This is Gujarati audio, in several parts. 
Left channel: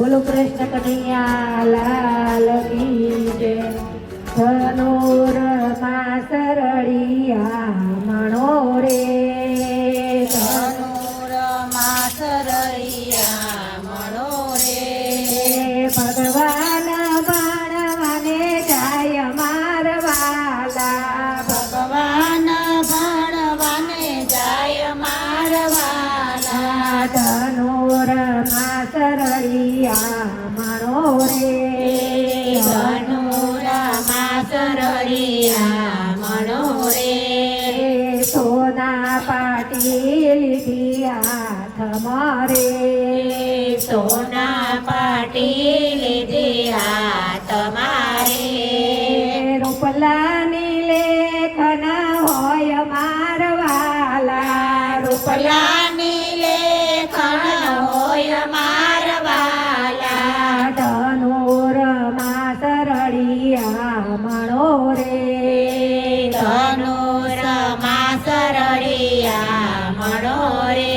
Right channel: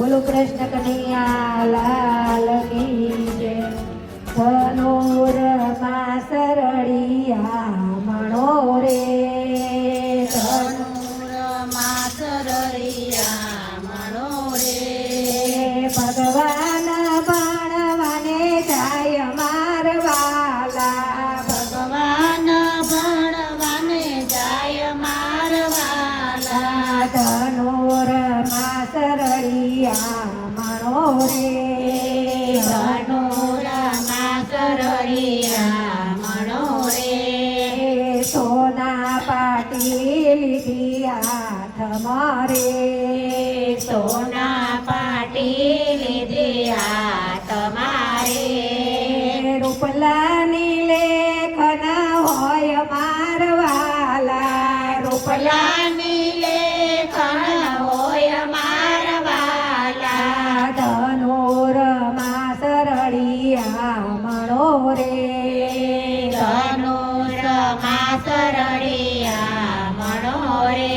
બોલો કૃષ્ણ કનૈયા લાલ કી જય. ધનુરમાં સરળિયા મણો રે, ધનુરમાં સરળિયા મણો રે. ભગવાન ભણવાને જાય મારવાલા, ભગવાન ભણવાને જાય મારવાલા. ધનુરમાં સરળિયા મણો રે, ધનુરમાં સરળિયા મણો રે. સોના પાટી લીધી હાથ મારે, સોના પાટી લીધી હાથ મારે. રૂપલાની લેખન હોય મારવાલા, રૂપલાની લેખન હોય મારવાલા. ધનુરમાં સરળિયા મણો રે, ધનુરમાં સરળિયા મણો રે.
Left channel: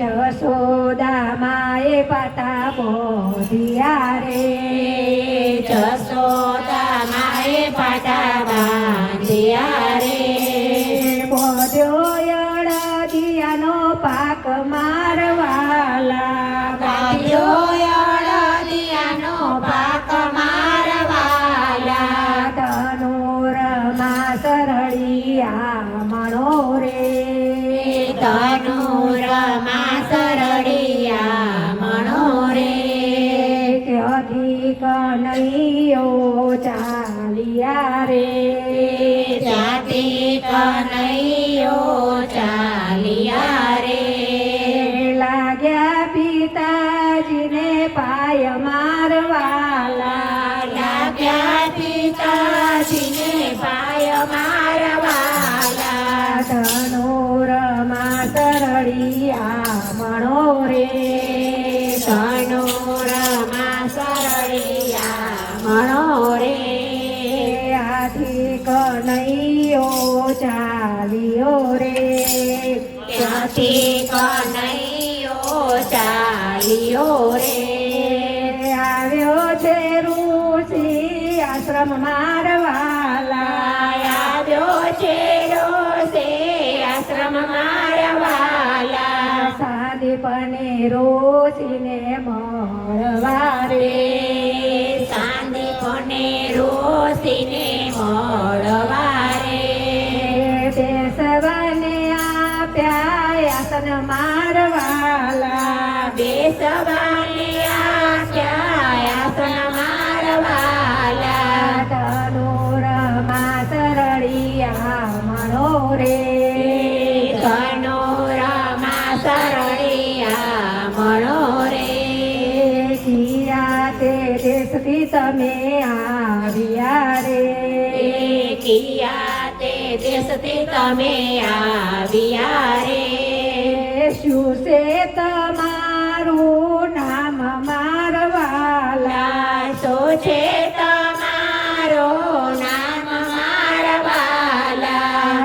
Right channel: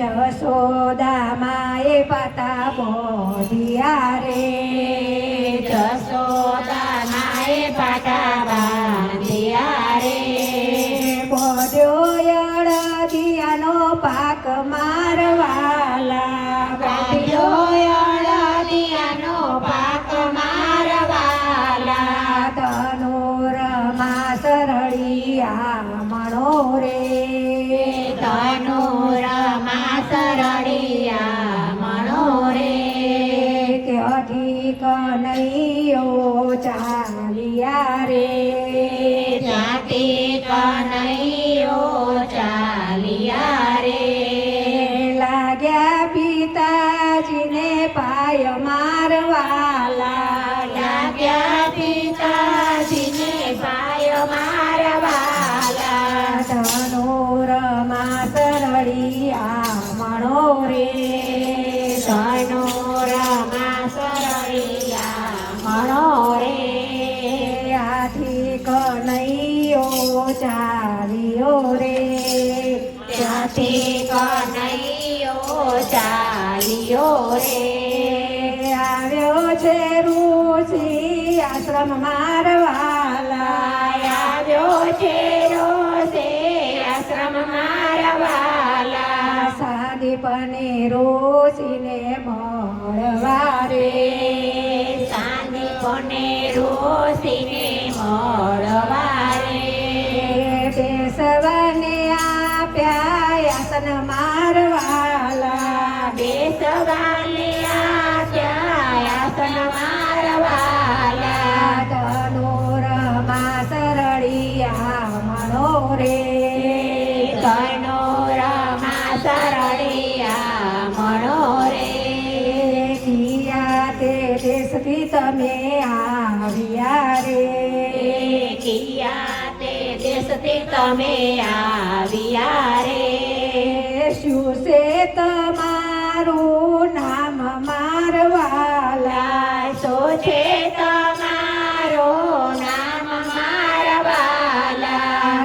જશોદા માએ પાતા બોધિયા રે, જશોદા માએ પાટા બાંધ્યા રે. બોધ્યો અડદિયાનો પાક મારવાલા, બાંધ્યો અડદિયાનો પાક મારવાલા. ધનુરમાં સરળિયા મણો રે, ધનુરમાં સરળિયા મણો રે. ત્યાંથી કનૈયો ચાલ્યા રે, ત્યાંથી કનૈયો ચાલ્યા રે. લાગ્યા પિતાજીને પાય મારવાલા, લાગ્યા પિતાજીને પાય મારવાલા. ધનુરમાં સરળિયા મણો રે, ધનુરમાં સરળિયા મણો રે. આથી કનૈયો ચાલ્યો રે, ત્યાંથી કનૈયો ચાલ્યો રે. આવ્યો છે ઋષિ આશ્રમ મારવાલા, આવ્યો છે રોષે આશ્રમ મારવાલા. સાદીપને ઋષિને મળવા રે, સાંદીપને રોષીને મળવા રે. બેસવાને આપ્યા આસન મારવાલા, બેસવાને આપ્યા આસન મારવાલા. ધનુરમાં સરળિયા મણો રે, ધનુરમાં સરળિયા મણો રે. કિયા તે દેશથી તમે આવ્યા રે, કિયા તે દેશથી તમે આવ્યા રે. શું છે તમારું નામ મારવાલા, શું છે તમારો નામ મારવાલા.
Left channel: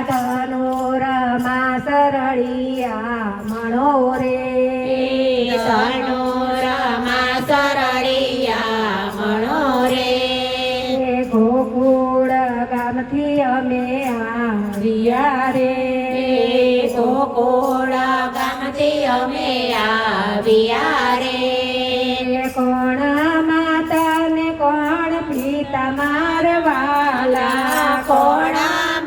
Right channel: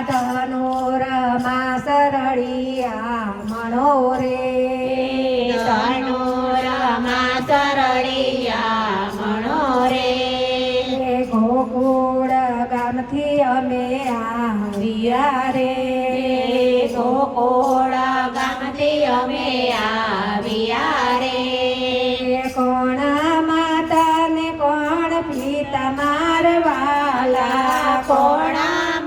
ધનુરમાં સરળિયા મણો રે, ધનુરમાં સરળિયા મણો રે. ગોકુળ ગામથી અમે આવ્યા રે, ગોકુળ ગામથી અમે આવ્યા રે. કોણ માતા ને કોણ પિતા મારવાલા, કોણ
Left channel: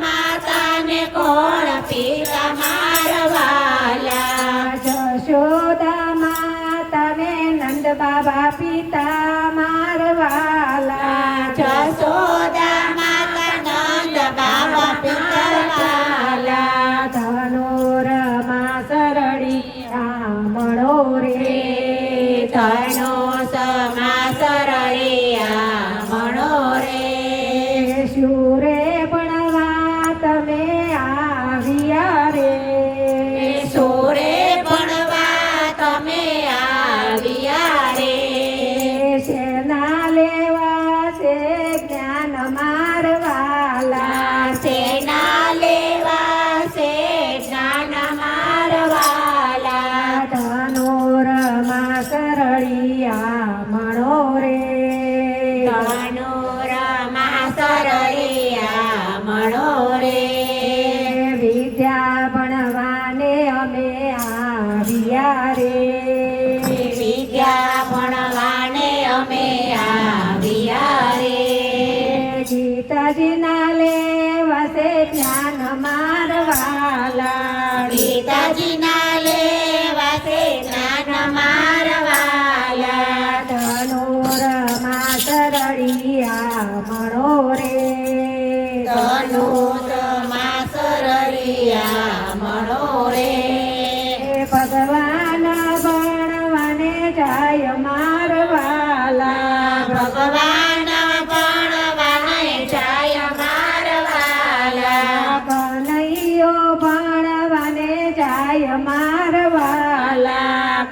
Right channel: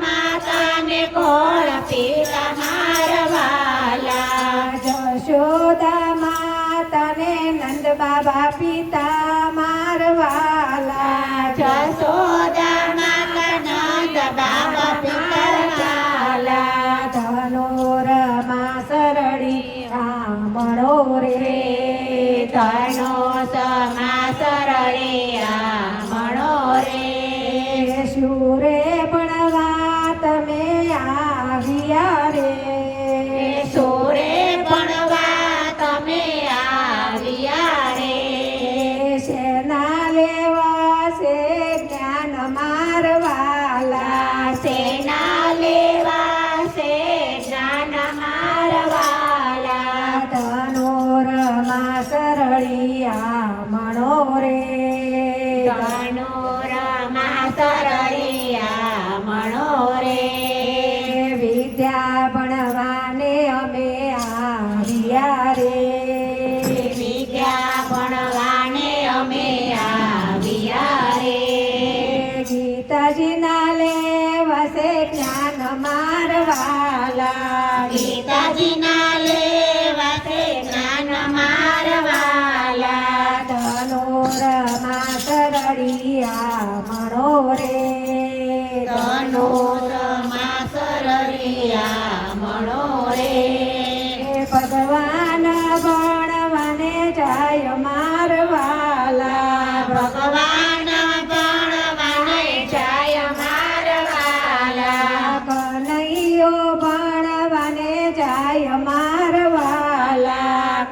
માતા ને કોણ પિતા મારવાલા. જશોદા માતા ને નંદ બાબા પિતા મારવાલા, જશોદા માતા નંદ બાબા પિતા. ધનુરમાં સરળિયા મણો રે, ધનુષમાં સરળિયા મણો રે. શુરે ભણવા તમે આવ્યા રે, સોરે ભણવા તમે આવ્યા રે. સેના લેવા છે જ્ઞાન મારવાલા, સેના લેવા છે જ્ઞાન મારવાલા. ધનુરમાં સરળિયા મણો રે ધનુરમાં સરળિયા મણો રે વિદ્યા ભણવાને અમે આવ્યા રે વિદ્યા ભણવાને અમે આવ્યા રે ગીતાજીના લેવાસે જ્ઞાન મારવાલા ગીતાજીના લેવાસે જ્ઞાન મારવાલા ધનુરમાં સરળિયા મણો રે ધનુરમાં સરળિયા મણો રે ભગવાન ભણવાને જાય મારવાલા ભગવાન ભણવાને જાય મારવાલા કનૈયો ભણવાને જાય મારવાલા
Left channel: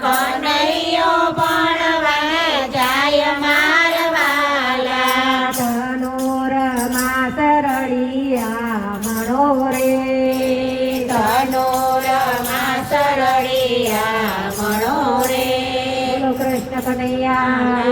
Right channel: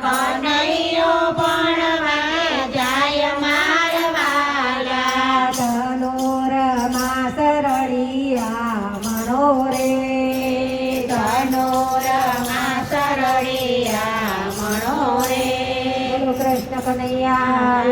કનૈયો ભણવાને જાય મારવાલા ધનુરમાં સરળિયા મણો રે ધનુરમાં સરળિયા મણો રે બોલો કૃષ્ણ કનૈયા